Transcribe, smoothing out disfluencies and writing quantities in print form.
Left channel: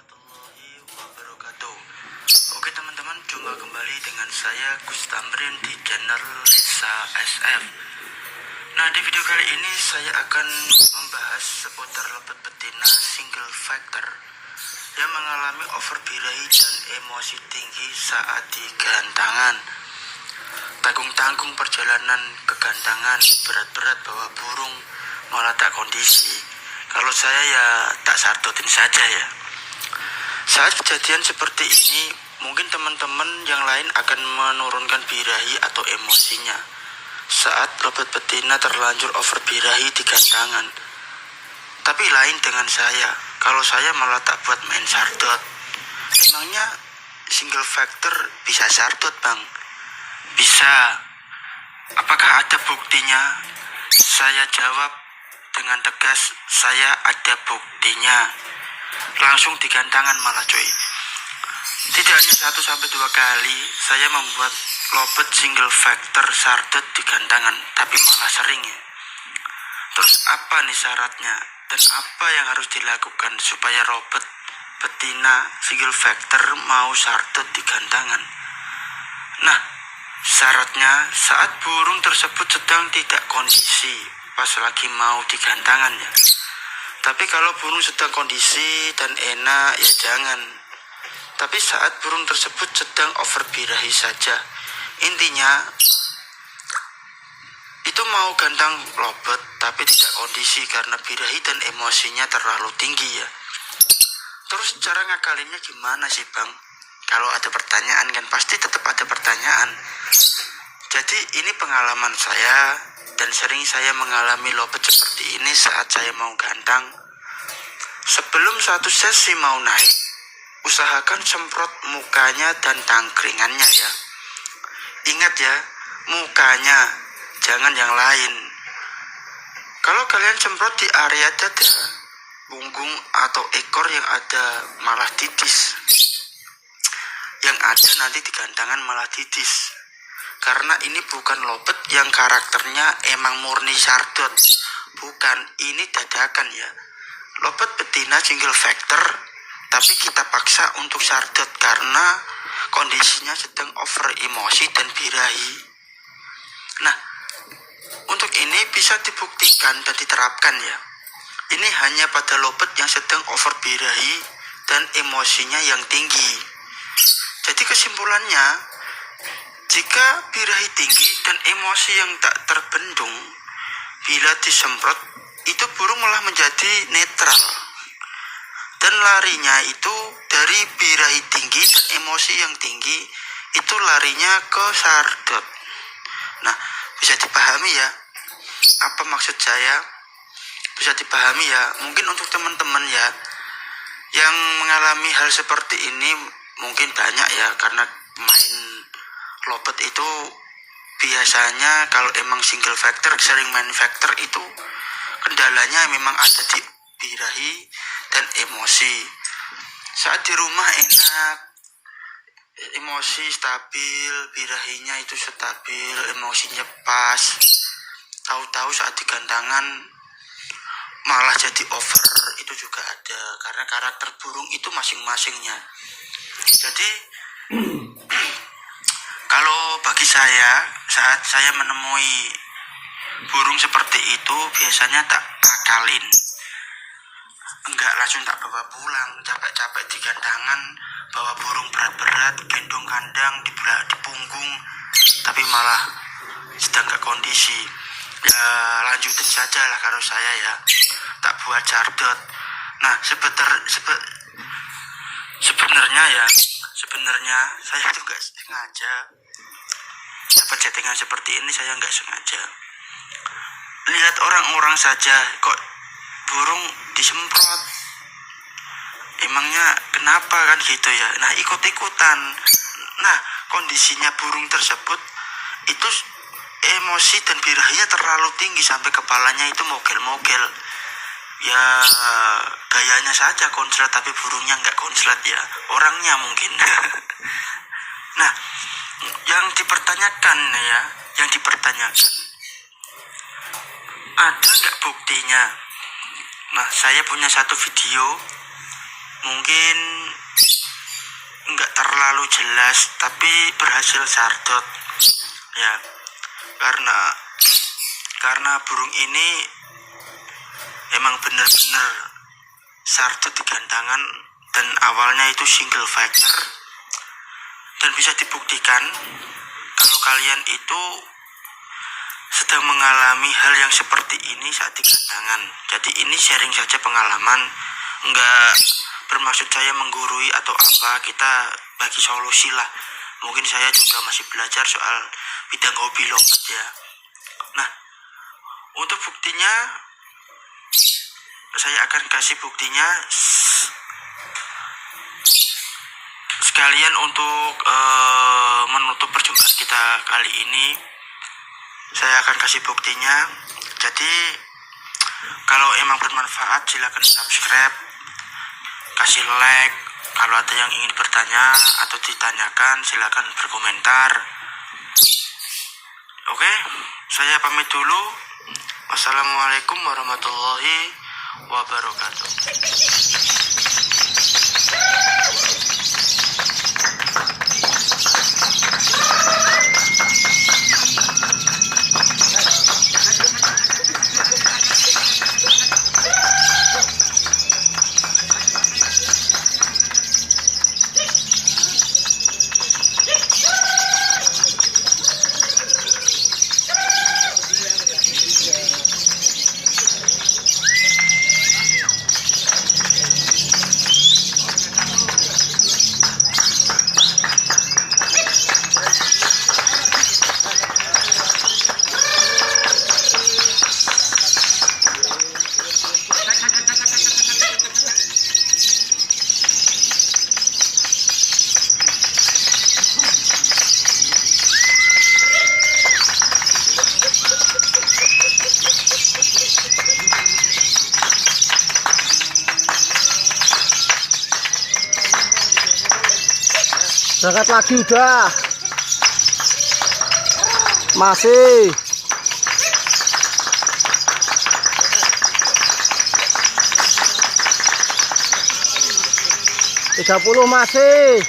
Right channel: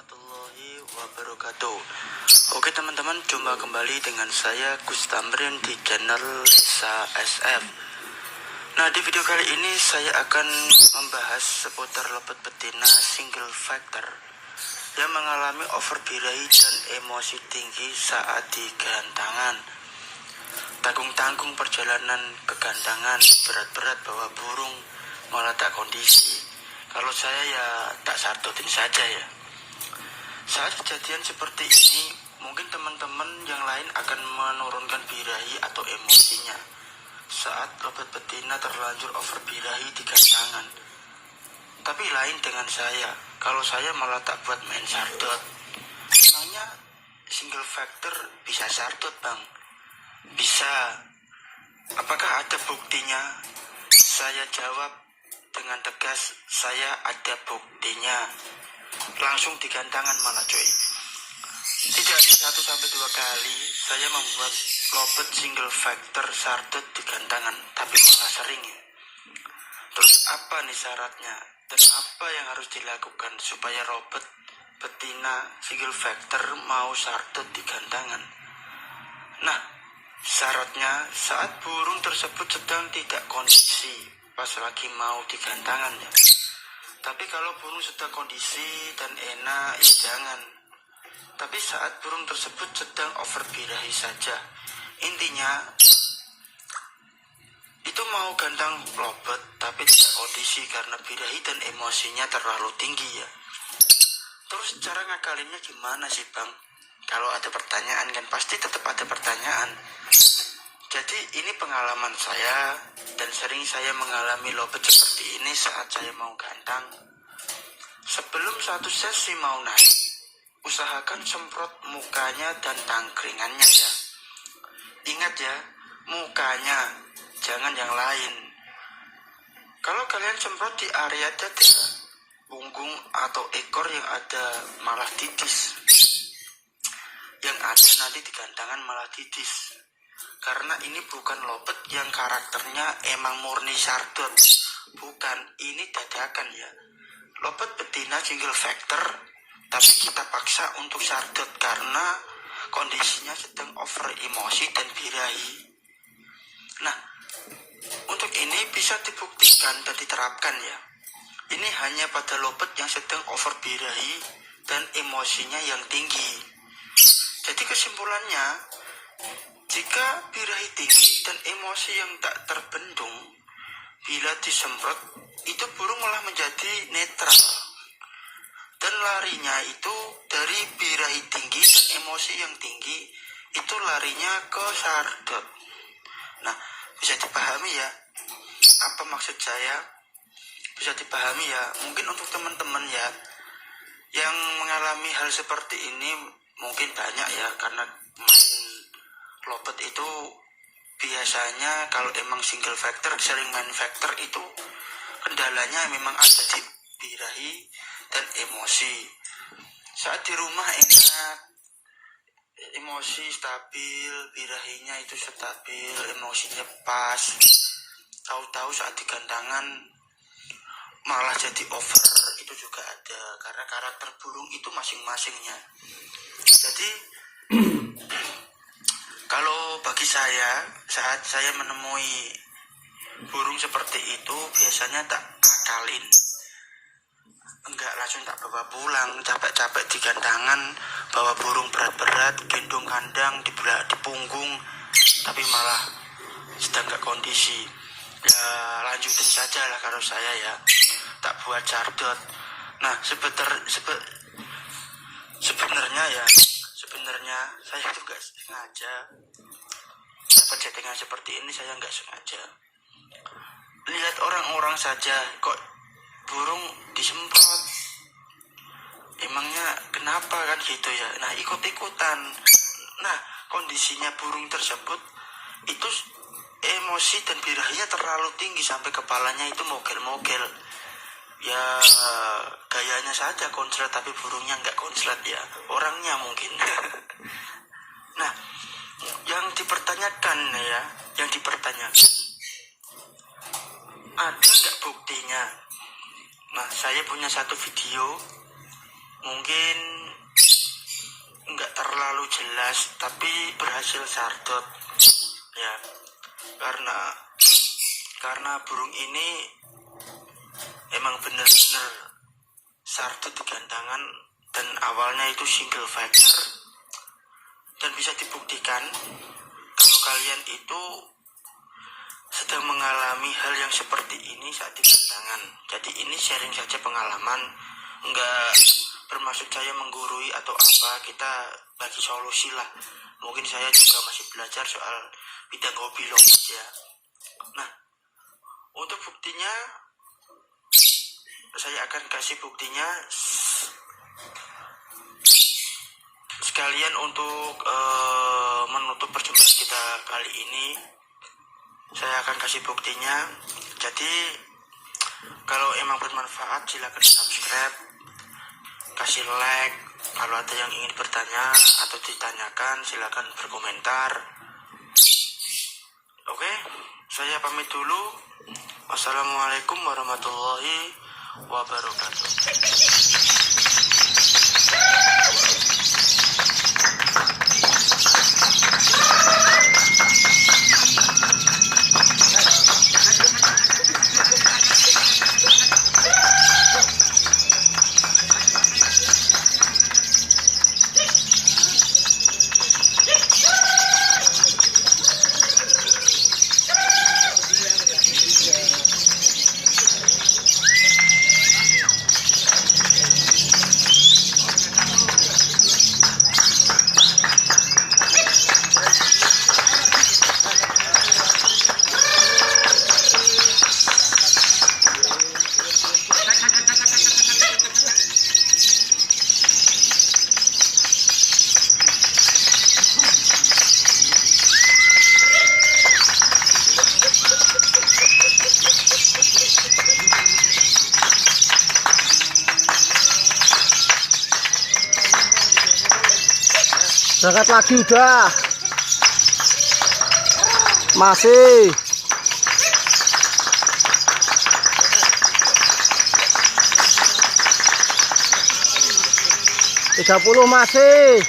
warahmatullahi wabarakatuh. Oke teman-teman, jumpa kembali dengan saya Gus Tamrin di channel Lisa SM. Nah, di video kali ini saya akan membahas seputar lepet betina single factor yang mengalami overbirahi dan emosi tinggi saat digantangan. Tanggung-tanggung perjalanan kegantangan, berat-berat bawa burung, malah tak kondisi. Kalau saya ya tak sardotin saja ya. Saat kejadian seperti ini, mungkin teman-teman yang lain akan menurunkan birahi atau emosinya saat lepet betina terlanjur overbirahi di gantangan. Tapi lain dengan saya, kalau saya malah tak buat main sardot. Emangnya single factor bisa sardot bang? Bisa. Apakah ada buktinya? Saya jawab dengan tegas, saya ada buktinya. Langsung di gantangan malah cuy. Tidak hanya 1-2 kali saya membuat lobet single factor sardot di gantangan, tapi malah sering ya. Terus apa nih syaratnya dan apa yang harus dilakukan supaya lobet betina single factor mau sardot di gantangan? Nah, syaratnya saat burung tersebut sedang tidak kondisi pas lagi mau di gantangan ya. Tapi kalau burung sedang kondisi dan enak ya jangan. Tapi saat burung tersebut sedang overbirahi saja, intinya itu mau gantang lobet tapi tidak kondisi karena birahi dan emosinya terlalu tinggi ya. Terus cara ngakalinnya gimana sih bang? Kalau ada pertanyaan kan pasti tetap ada pertanyaan. Jadi ini pengalaman saya dan sering saya mengalami lobet seperti ini saat saya mau gantang. Sebelum satu sesi mau naik, usahakan semprot mukanya dan tangkringannya ya. Ingat ya, mukanya, jangan yang lain. Kalau kalian semprot di area dada, punggung atau ekor yang ada malah titis. Yang ada nanti di gantangan malah titis. Karena ini bukan lobet yang karakternya emang murni sardot. Bukan, ini dadakan ya. Lobet betina single factor, tapi kita paksa untuk sardot karena kondisinya sedang over emosi dan birahi. Nah, untuk ini bisa dibuktikan dan diterapkan ya. Ini hanya pada lobet yang sedang over birahi dan emosinya yang tinggi. Jadi kesimpulannya, jika birahi tinggi dan emosi yang tak terbendung, bila disemprot, itu burung malah menjadi netral. Dan larinya itu dari birahi tinggi dan emosi yang tinggi, itu larinya ke sardot. Nah, bisa dipahami ya, apa maksud saya? Bisa dipahami ya, mungkin untuk teman-teman ya, yang mengalami hal seperti ini mungkin banyak ya, karena main lobet itu biasanya kalau emang single factor, sering main factor itu kendalanya memang ada di birahi dan emosi. Saat di rumah enak, emosi stabil, birahinya itu stabil, emosinya pas. Tahu-tahu saat di gantangan malah jadi over, itu juga ada karena karakter burung itu masing-masingnya. Jadi kalau bagi saya, saat saya menemui burung seperti itu, biasanya tak akalin. Enggak langsung tak bawa pulang, capek-capek di gantangan, bawa burung berat-berat, gendong kandang di punggung, tapi malah sedang gak kondisi. Ya lanjutin saja lah kalau saya ya, tak buat sardot. Nah sebenarnya saya itu gak sengaja dapat settingan seperti ini, saya gak sengaja. Lihat orang-orang saja kok burung disemprot, emangnya kenapa kan gitu ya. Nah ikut-ikutan. Nah kondisinya burung tersebut itu emosi dan birahinya terlalu tinggi sampai kepalanya itu mogel-mogel. Ya gayanya saja konslet tapi burungnya nggak konslet ya, orangnya mungkin. Nah yang dipertanyakan ada nggak buktinya? Nah saya punya satu video mungkin nggak terlalu jelas tapi berhasil sardot ya, karena burung ini emang bener-bener sardot di gantangan, dan awalnya itu single factor, dan bisa dibuktikan kalau kalian itu sedang mengalami hal yang seperti ini saat di gantangan. Jadi ini sharing saja pengalaman, enggak bermaksud saya menggurui atau apa, kita bagi solusi lah. Mungkin saya juga masih belajar soal bidang hobi logat ya. Nah, untuk buktinya saya akan kasih buktinya sekalian untuk menutup perjumpaan kita kali ini. Saya akan kasih buktinya. Jadi kalau emang bermanfaat silakan subscribe, kasih like. Kalau ada yang ingin bertanya atau ditanyakan silakan berkomentar. Oke, saya pamit dulu. Wassalamualaikum warahmatullahi wabarakatuh. Berangkat lagi udah. Masih. 30 masih.